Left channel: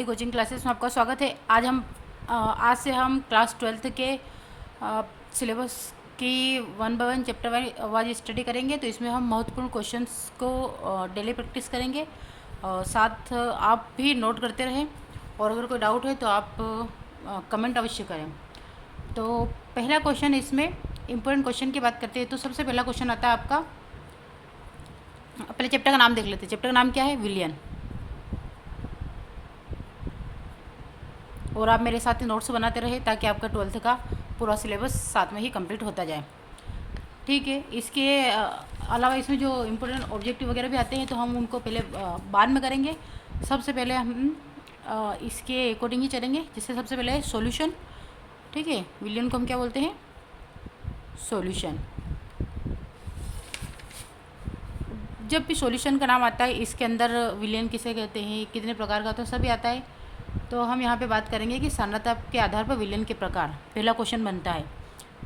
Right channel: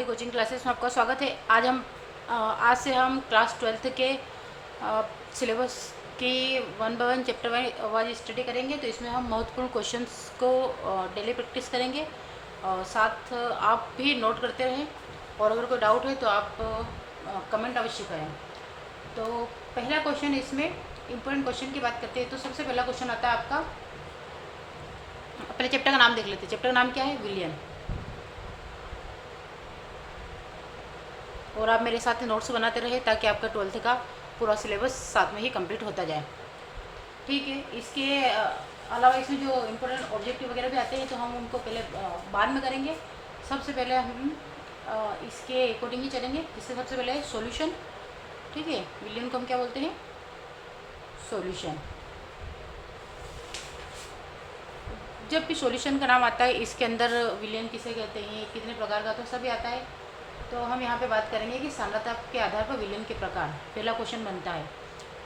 Bharti coaching classes में आपका स्वागत है। आज से हम क्लास 12th के सिलेबस की 1 बाय 1 चैप्टर वाइज स्टडी करेंगे। तो इसमें हम महत्वपूर्ण क्वेश्चंस को डेली प्रैक्टिस करेंगे और साथ आप भी नोट करते रहें और अगर कोई डाउट है तो आप कमेंट अवश्य करें। तो पहला क्वेश्चन, इसमें इम्पोर्टेंट क्वेश्चन की बात करते हैं। तो सबसे पहला क्वेश्चन आता है आपका, पहले चैप्टर का नाम देख लेते हैं। चैप्टर का नाम क्या है? विलियन। और आप मेरे साथ नोट्स बनाते रहे ताकि आपका 12th का पूरा सिलेबस साथ में ही कंप्लीट होता जाए। ठीक है। इसके अलावा इसमें जो इम्पोर्टेंट ऑब्जेक्टिव वगैरह भी आते हैं तो हम उनको पहले बाद में करेंगे। सबसे पहले हम इसके अकॉर्डिंग ही चलेंगे। जिससे सबसे पहले है सॉल्यूशन। ठीक है, विलियन को हम क्या बोलते हैं? सॉल्यूशन। जब भी सॉल्यूशन का नाम आता है इसके अंदर विलियन किसे कहते हैं, कितने प्रकार का, तो सभी आता है। तो हम यहाँ पे बात करेंगे कि सांद्रता के आधार पर विलियन के प्रकार। पहला क्वेश्चन बनता है,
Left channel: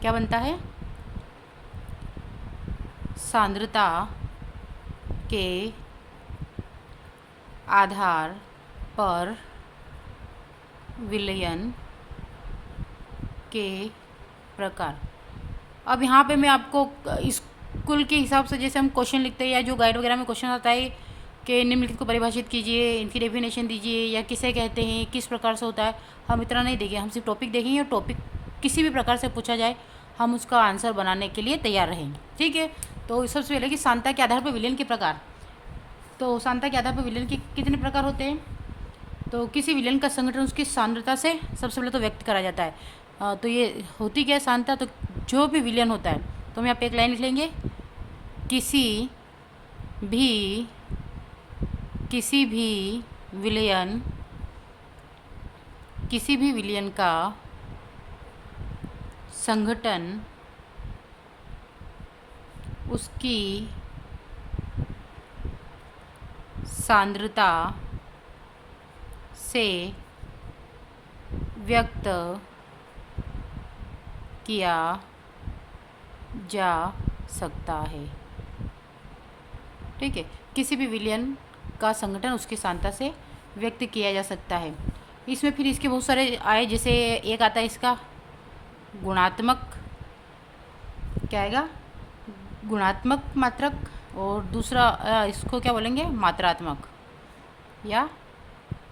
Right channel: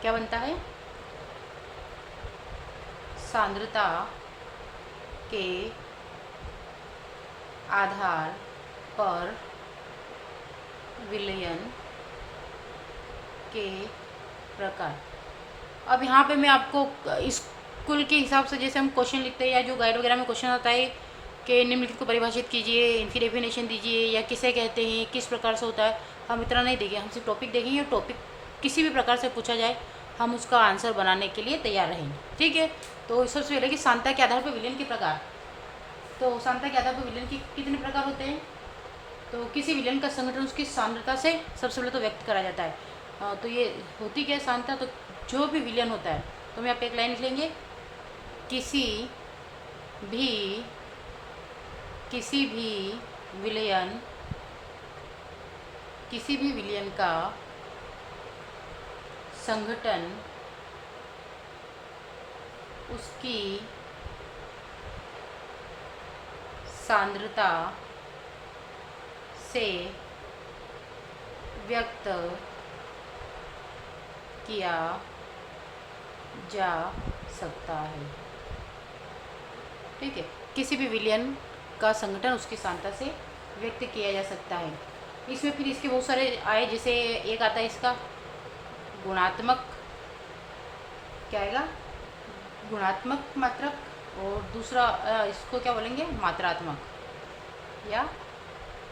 क्या बनता है? सांद्रता के आधार पर विलयन के प्रकार। अब यहाँ पे मैं आपको स्कूल के हिसाब से जैसे हम क्वेश्चन लिखते हैं या जो गाइड वगैरह में क्वेश्चन आता है कि निम्नलिखित को परिभाषित कीजिए, इनकी डेफिनेशन दीजिए या किसे कहते हैं, किस प्रकार से होता है, हम इतना नहीं देंगे। हम सिर्फ टॉपिक देखेंगे और टॉपिक किसी भी प्रकार से पूछा जाए हम उसका आंसर बनाने के लिए तैयार रहेंगे। ठीक है। तो सबसे पहले कि सांद्रता के आधार पर विलयन के प्रकार। तो सांद्रता के आधार पर विलयन के कितने प्रकार होते हैं? तो किसी विलयन का संगठन उसकी सांद्रता से सबसे पहले तो व्यक्त करा जाता है। तो ये होती क्या है सांद्रता? तो जो भी विलयन होता है, तो हम यहाँ पे एक लाइन लिख लेंगे, भी किसी भी विलयन का संगठन उसकी सांद्रता से व्यक्त किया जा सकता है। ठीक है, किसी भी विलयन का संगठन उसकी सांद्रता से व्यक्त किया जा सकता है। इसमें फिर इसके बहुत सारे आए, जैसे एक आता है इसका गुणात्मक, क्या आएगा? गुणात्मक मात्रक, और दूसरा इसको क्या बोलेंगे? मात्रात्मक या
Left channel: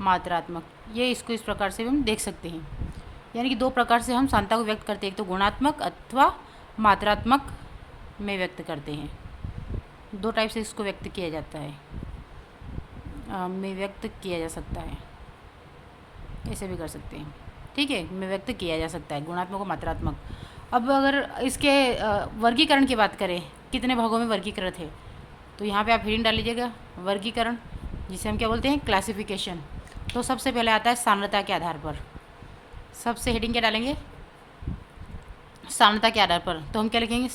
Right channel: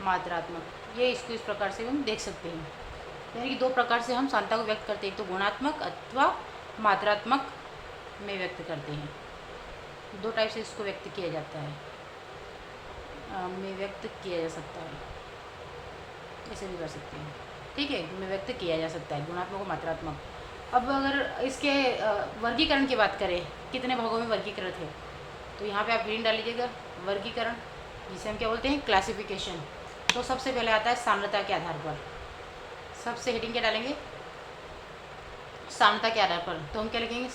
मात्रात्मक। ये इसको इस प्रकार से हम देख सकते हैं। यानी कि दो प्रकार से हम सांद्रता को व्यक्त करते हैं, एक तो गुणात्मक अथवा मात्रात्मक में व्यक्त करते हैं। दो टाइप से इसको व्यक्त किया जाता है, में व्यक्त किया जा सकता है। ऐसे भी कर सकते हैं। ठीक है, में व्यक्त किया जा सकता है, गुणात्मक और मात्रात्मक। अब अगर इसके वर्गीकरण की बात करें, कितने भागों में वर्गीकृत है, तो यहाँ पे आप हेडिंग डाल लीजिएगा वर्गीकरण, जिसे हम क्या बोलते हैं? क्लासिफिकेशन। तो सबसे पहले आता है सांद्रता के आधार पर। सबसे हेडिंग क्या डालेंगे? सांद्रता के आधार पर। तो हम क्या लिखेंगे?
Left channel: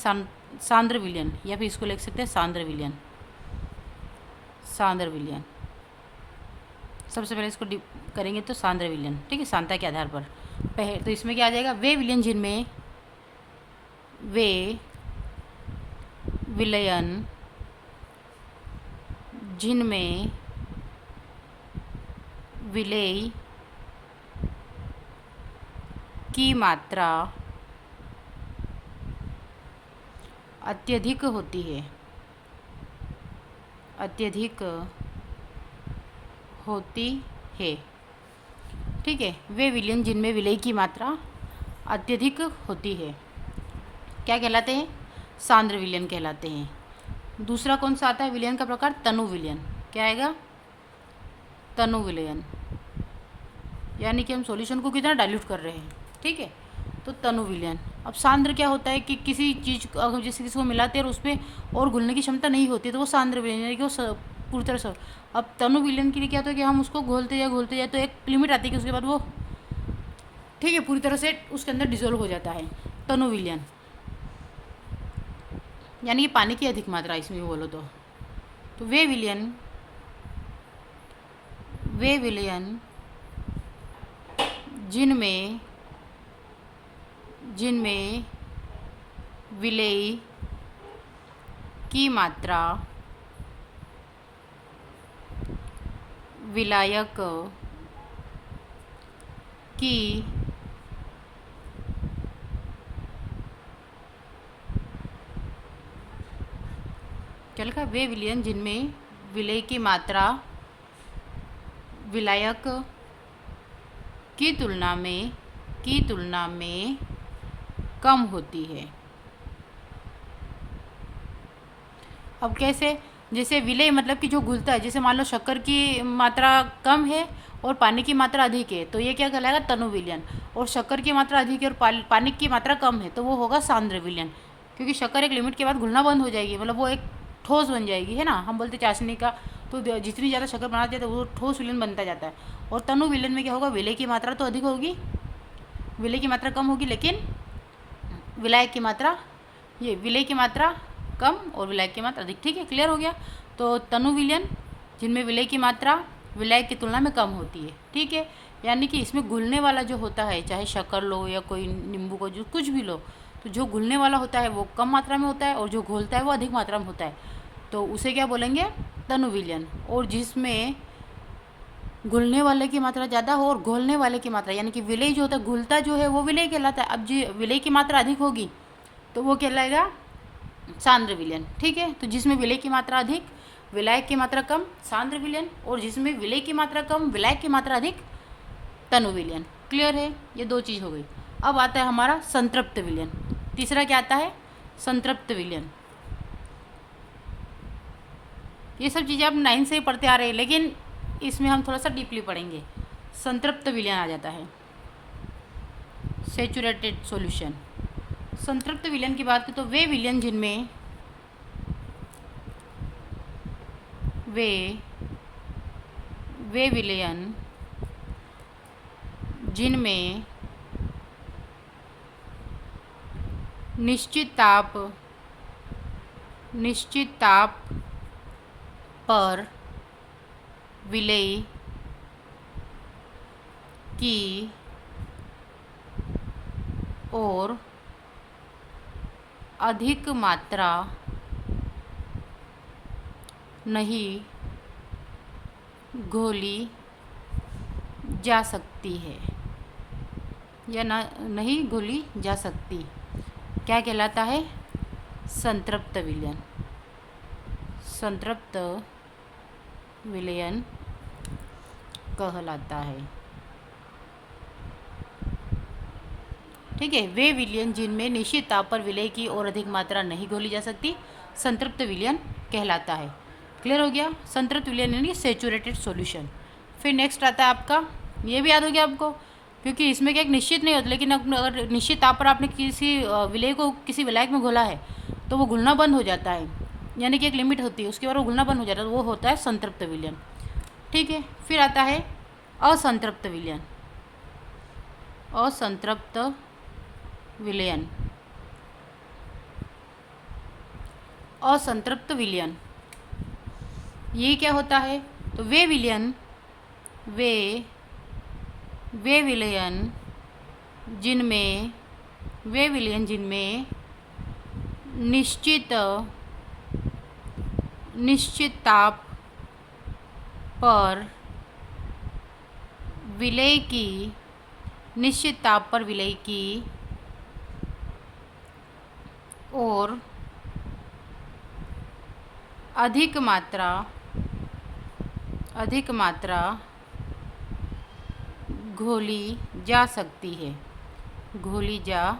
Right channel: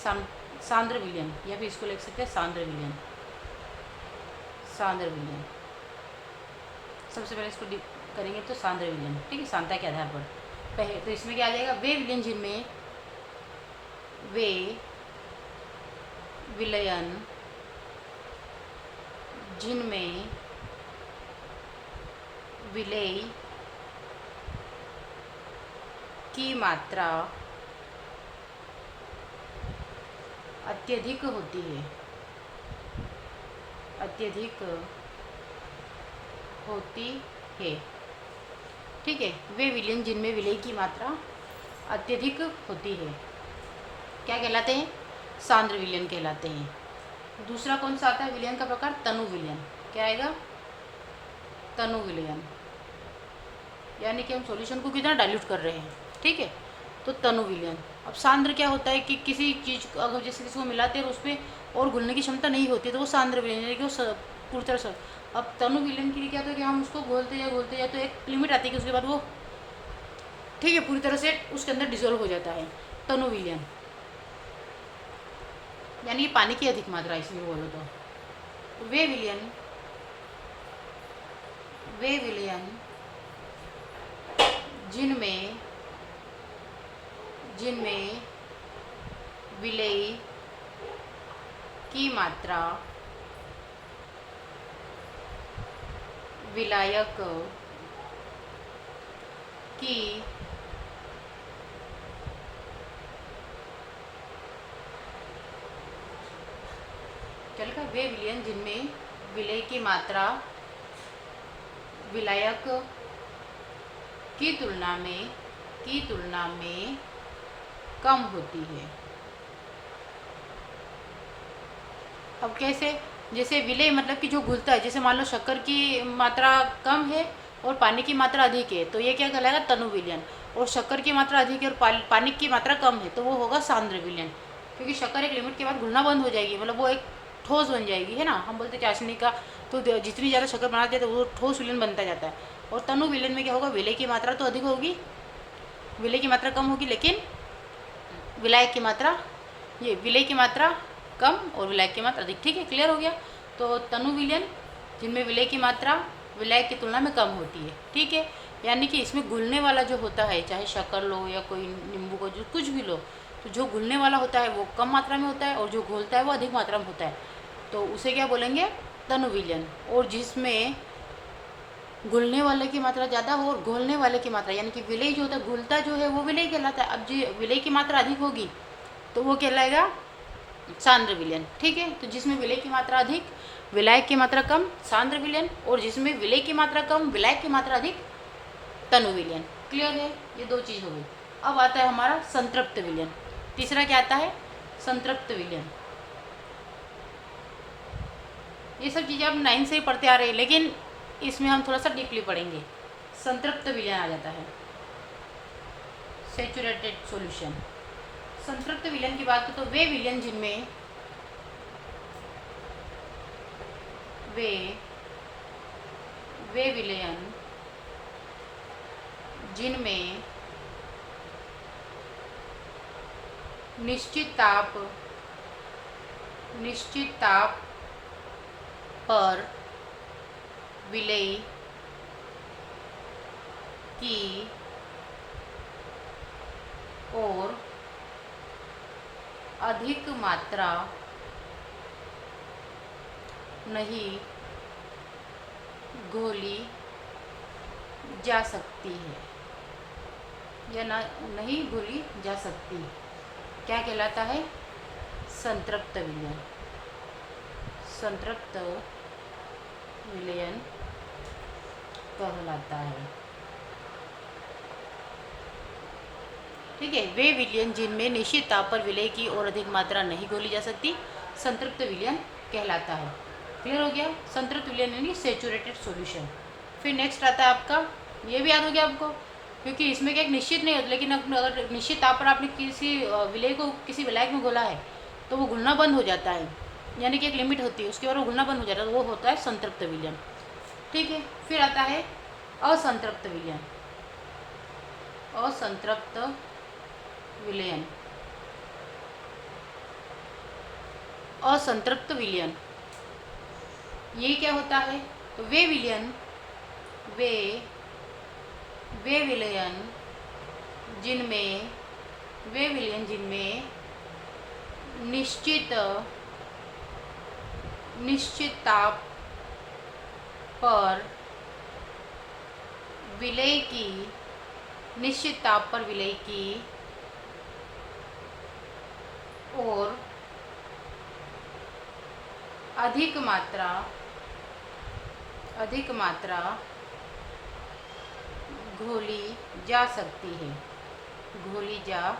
सांद्र विलयन, या फिर इसको लिख सकते हैं सांद्र विलयन। सांद्र विलयन सबसे पहले इसको करेंगे तो सांद्र विलयन। ठीक है, सांद्रता के आधार पर पहले तो इसमें क्या आ जाएगा? वे विलयन जिनमें विलेय की मात्रा अत्यधिक होती है, ठीक है, वे विलयन जिनमें विलेय की मात्रा अत्यधिक होती है क्या कहलाते हैं? सांद्र विलयन कहलाते हैं। दूसरा कौन सा आता है विलयन का प्रकार? तनु विलयन। क्या आएगा? तनु विलयन। यानी कि हम सॉल्यूशन को कितना डाइल्यूट कर रहे हैं। ठीक है, तो तनु विलयन। अब सांद्र क्या होता है कि किसी चीज़ अगर जैसे किसी को मिलाते हैं और उसमें और घुलने की क्षमता नहीं होती तो वो सांद्र विलयन, यानी कि वो पूरी तरह से। अब तनु विलयन के लिए क्या होता है कि हम उसको घोलते जाए तो एक लिमिट आती है कि उसके बाद वो, ठीक है, पूरी तरह से उसके अंदर डिजोल्व हो जाता है। तनु विलयन यानी कि पानी की अधिक मात्रा इसमें बोलो तो वे विलयन जिनमें विलेय की मात्रा विलायक कि क्या लिखा, वे विलयन जिनमें विलय की मात्रा विलायक की तुलना में कम होती है। अब कैसे, जैसे विलय मतलब कि जो घुलता है, जैसे मान लो शक्कर की मात्रा कम है और पानी की मात्रा अधिक है, तो ये क्या कहलाएगा, तनु विलयन। और शक्कर की मात्रा अधिक है और पानी की मात्रा कम है, तो वो होगा सांद्र विलयन। क्योंकि शक्कर एक लिमिट के बाद घुलना बंद हो जाएगी, मतलब वो एक ठोस बन जाएगी, है ना। हम बोलते चाशनी का, तो जितनी ज़्यादा शक्कर बनाते हैं तो वो ठोस विलयन बनता जाता है। और तनु विलयन में क्या होगा, विलय की मात्रा तो अधिक होगी, विलय की मात्रा कम होगी, लेकिन विलायक की मात्रा, ये विलय की मात्रा कम और विलायक की मात्रा अधिक। ठीक है, क्लियर हो गया। तो तनु विलयन जिनमें विलय की मात्रा विलायक की तुलना में कम होती है। ठीक है, यानी कि इसमें घुलने वाला जो होता है, चाहे शक्कर लो या कोई नींबू को जो कुछ भी लो, तो जो घुलने वाला होता है वो कम मात्रा में होता है और जो घोलता है वो अधिक मात्रा में होता है, तो उसे क्या बोलेंगे, तनु विलयन। और जिसमें घुलने वाले की मात्रा ज़्यादा हो और घोलने वाले की मात्रा, यानी कि विलय जो होता है, घुलता जो है वो विलय कहलाता है। अब जो विलय की मात्रा अधिक होगी तो वो कहलाएगा सांद्र विलयन। ठीक है, तो जिसमें विलय की मात्रा अधिक विलायक की मात्रा कम, सांद्र विलयन। और जिसमें विलय की मात्रा कम विलायक की मात्रा अधिक, तनु विलयन। क्लियर है, ये दो चीज़ हो गई। अब आता है हमारा संतृप्त विलयन। तीसरा क्या आता है, संतृप्त विलयन। ये सब चीज़ें आप 9 से ही पढ़ते आ रहे हैं, लेकिन इसमें हम थोड़ा सा डीपली पढ़ेंगे। संतृप्त विलयन आ जाता है, सेचुरेटेड सॉल्यूशन। संतृप्त विलयन की बात करें तो वे विलयन जिनमें वे विलयन जिनमें निश्चित ताप पर विलय की और अधिक मात्रा नहीं घोली जा सकती है, या नहीं घोली जा सकती, क्या कहलाता है, संतृप्त विलयन। संतृप्त विलयन कहलाता है। ठीक है, वे विलयन जिनमें निश्चित ताप पर विलय की और अधिक मात्रा नहीं घोली जा सकती, संतृप्त विलयन कहलाता है। क्लियर हो गया, संतृप्त विलयन यानी सेचुरेटेड सॉल्यूशन। फिर नेक्स्ट आता है आपका, ये भी याद हो गया आपको, क्योंकि इसमें क्या एक निश्चित नहीं होता, लेकिन अगर निश्चित ताप पर आपने किसी विलय को किसी विलायक में घोला है तो वो घुलना बंद हो जाता है, यानी कि एक लिमिट होती है उसके बाद वो घुलना बंद हो जाता है, तो वो होता है संतृप्त विलयन। ठीक है, फिर आता है असंतृप्त विलयन। असंतृप्त विलयन, असंतृप्त विलयन ये क्या होता है, तो वे विलयन जिनमें निश्चित ताप पर विलय की और अधिक मात्रा घोली जा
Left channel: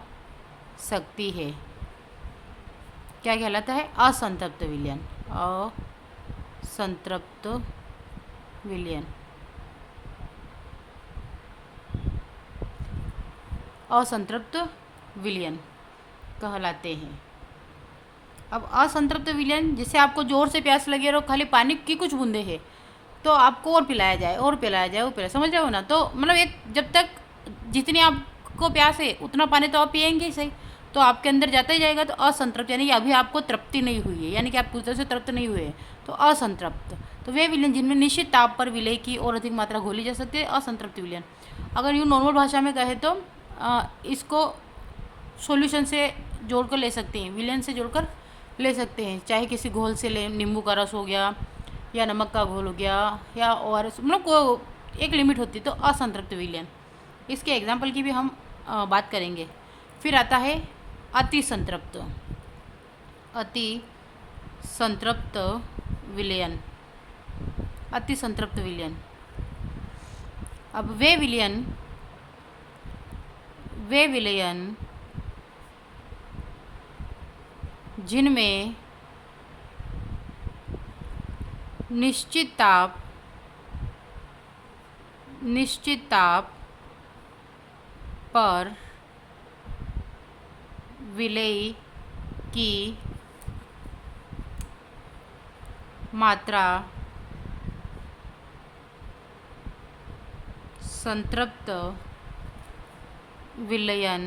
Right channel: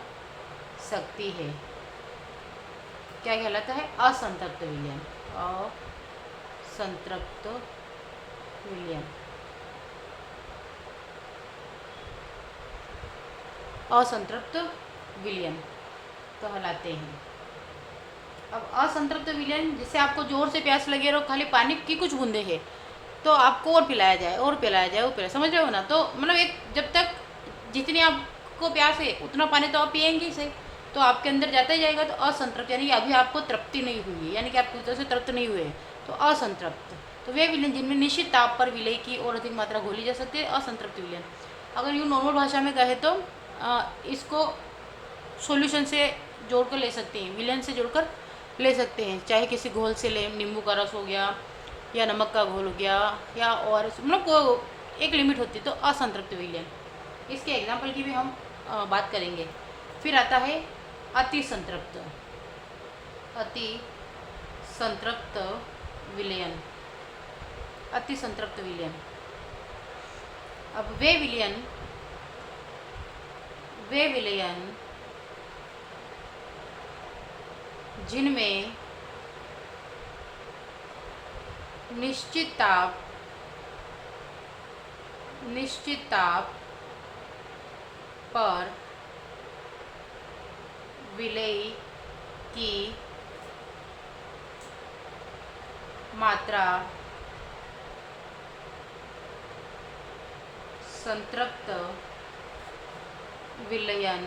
सकती है, क्या कहलाता है, असंतृप्त विलयन। असंतृप्त विलयन, असंतृप्त विलयन कहलाते हैं। अब असंतृप्त विलयन, जैसे आपको जोर से प्यास लगी और खाली पानी की कुछ बूंदे हैं, तो आपको और पिलाया जाए, समझ रहे हो ना। तो मतलब एक, जब तक जितनी आपको प्यास है उतना पानी तो आप पिएंगे ही सही, तो आपके अंदर जाता ही जाएगा। तो असंतृप्त यानी कि अभी आपको तृप्ति नहीं हुई है, यानी कि आप पूरी तरह से तृप्त नहीं हुए हैं, तो असंतृप्त। तो वे विलयन जिनमें निश्चित ताप पर विलय की और अधिक मात्रा घोली जा सकती है, असंतृप्त विलयन। अगर यूँ नॉर्मल भाषा में कहे तो इसको सॉल्यूशन से जोड़कर ले सकते हैं, विलयन से जोड़कर ले सकते हैं, चाहे किसी घोल से लें, नींबू का रस हो गया या नमक का घोल हो गया, या और मतलब एक लिमिट होती है, तो असंतृप्त विलयन। इसके एग्जाम्पल की भी हम बात करेंगे। फिर आता है अति संतृप्त। अति संतृप्त विलयन। अति संतृप्त विलयन। अब वे विलयन जिनमें निश्चित ताप पर विलेय की मात्रा संतृप्त विलयन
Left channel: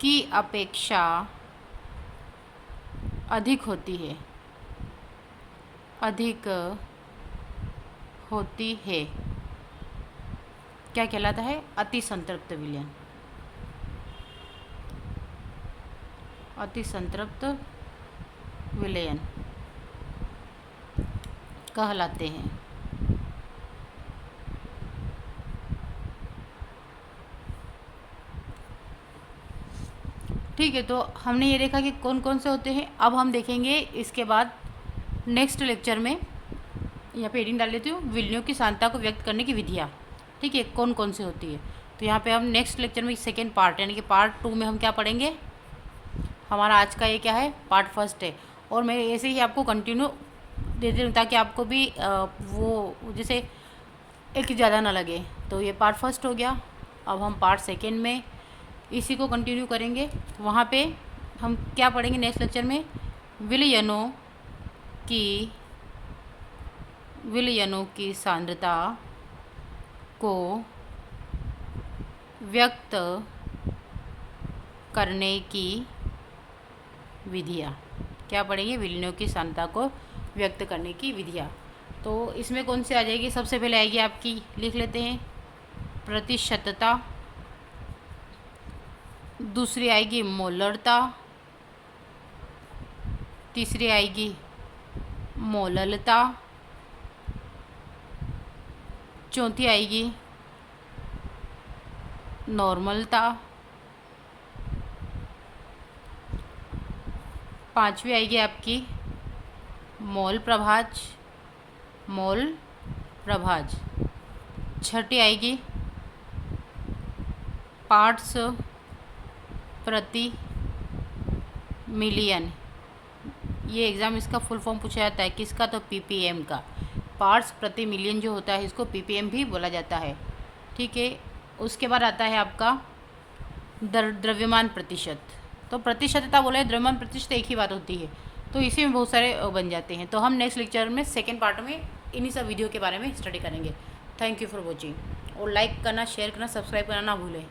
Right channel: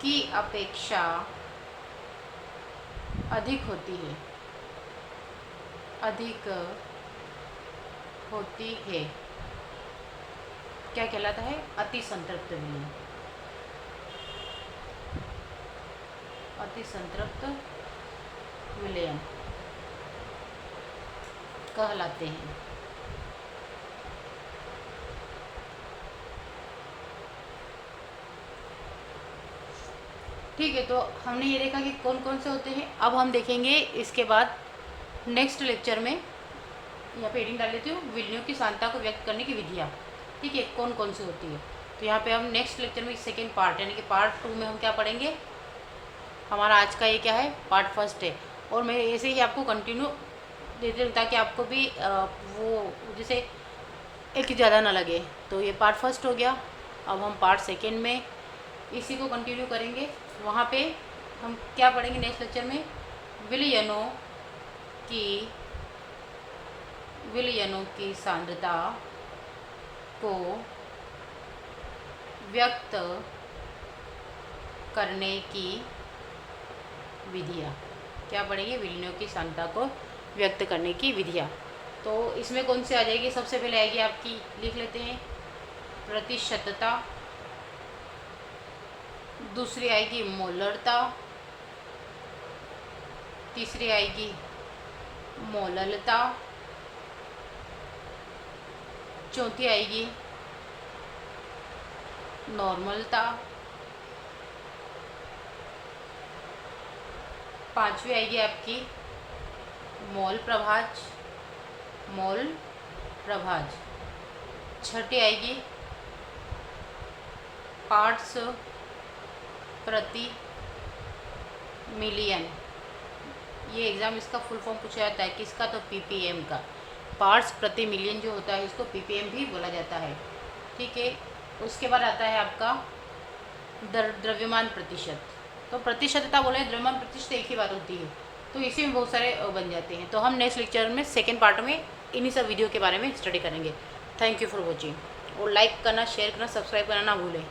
की अपेक्षा अधिक होती है। क्या कहलाता है? अति संतृप्त विलयन। अति संतृप्त विलयन कहलाते हैं। ठीक है, तो हमने ये देखा कि कौन कौन से होते हैं। अब हम देखेंगे इसके बाद नेक्स्ट लेक्चर में, यहाँ पे हेडिंग डाल लेती हूँ, विलयनों की सांद्रता को व्यक्त करने की विधियाँ। ठीक है, कौन कौन सी होती है। तो यहाँ पे हम नेक्स्ट लेक्चर में सेकेंड पार्ट यानी कि पार्ट 2 में हम क्या पढ़ेंगे। हमारा आज का ये क्या है, पार्ट फर्स्ट है। और मैं ऐसे ही आपको कंटिन्यू देते हूँ ताकि आपको भी वो जैसे एक ही ज़्यादा ना लगे। तो ये पार्ट फर्स्ट हो गया। अब हम पार्ट सेकेंड में इसी को कंटिन्यू करेंगे। वहाँ पे हम क्या पढ़ेंगे नेक्स्ट लेक्चर में, विलयनों की सांद्रता को व्यक्त करने की विधियाँ। क्या पढ़ेंगे? विलयनों की सांद्रता को व्यक्त करने की विधियाँ। तो इसमें कौन सी आ जाएगी? सबसे पहले आएगी आपकी, लिख लेते हैं, प्रतिशतता। दूसरी आएगी मोलरता। तीसरी आएगी मोललता। चौथी आएगी नॉर्मलता। पांचवी आएगी आपकी मोल प्रभाज। छठी आएगी पार्ट्स प्रति मिलियन। ये एग्ज़ाम इसका फुल फॉर्म पूछा जाता है किसका? तो पीपीएम का। पार्ट्स प्रति मिलियन जो होता है इसको पीपीएम भी बोला जाता है। ठीक है, उसके बाद आता है आपका द्रव्यमान प्रतिशत। तो प्रतिशतता बोले, द्रव्यमान प्रतिशत एक ही बात होती है। तो इसी में बहुत सारे बन जाते हैं। तो हम नेक्स्ट लेक्चर में सेकेंड पार्ट में इन्हीं सब वीडियो के बारे में स्टडी करेंगे। Thank you for watching. और लाइक करना, शेयर करना, सब्सक्राइब करना ना भूलें।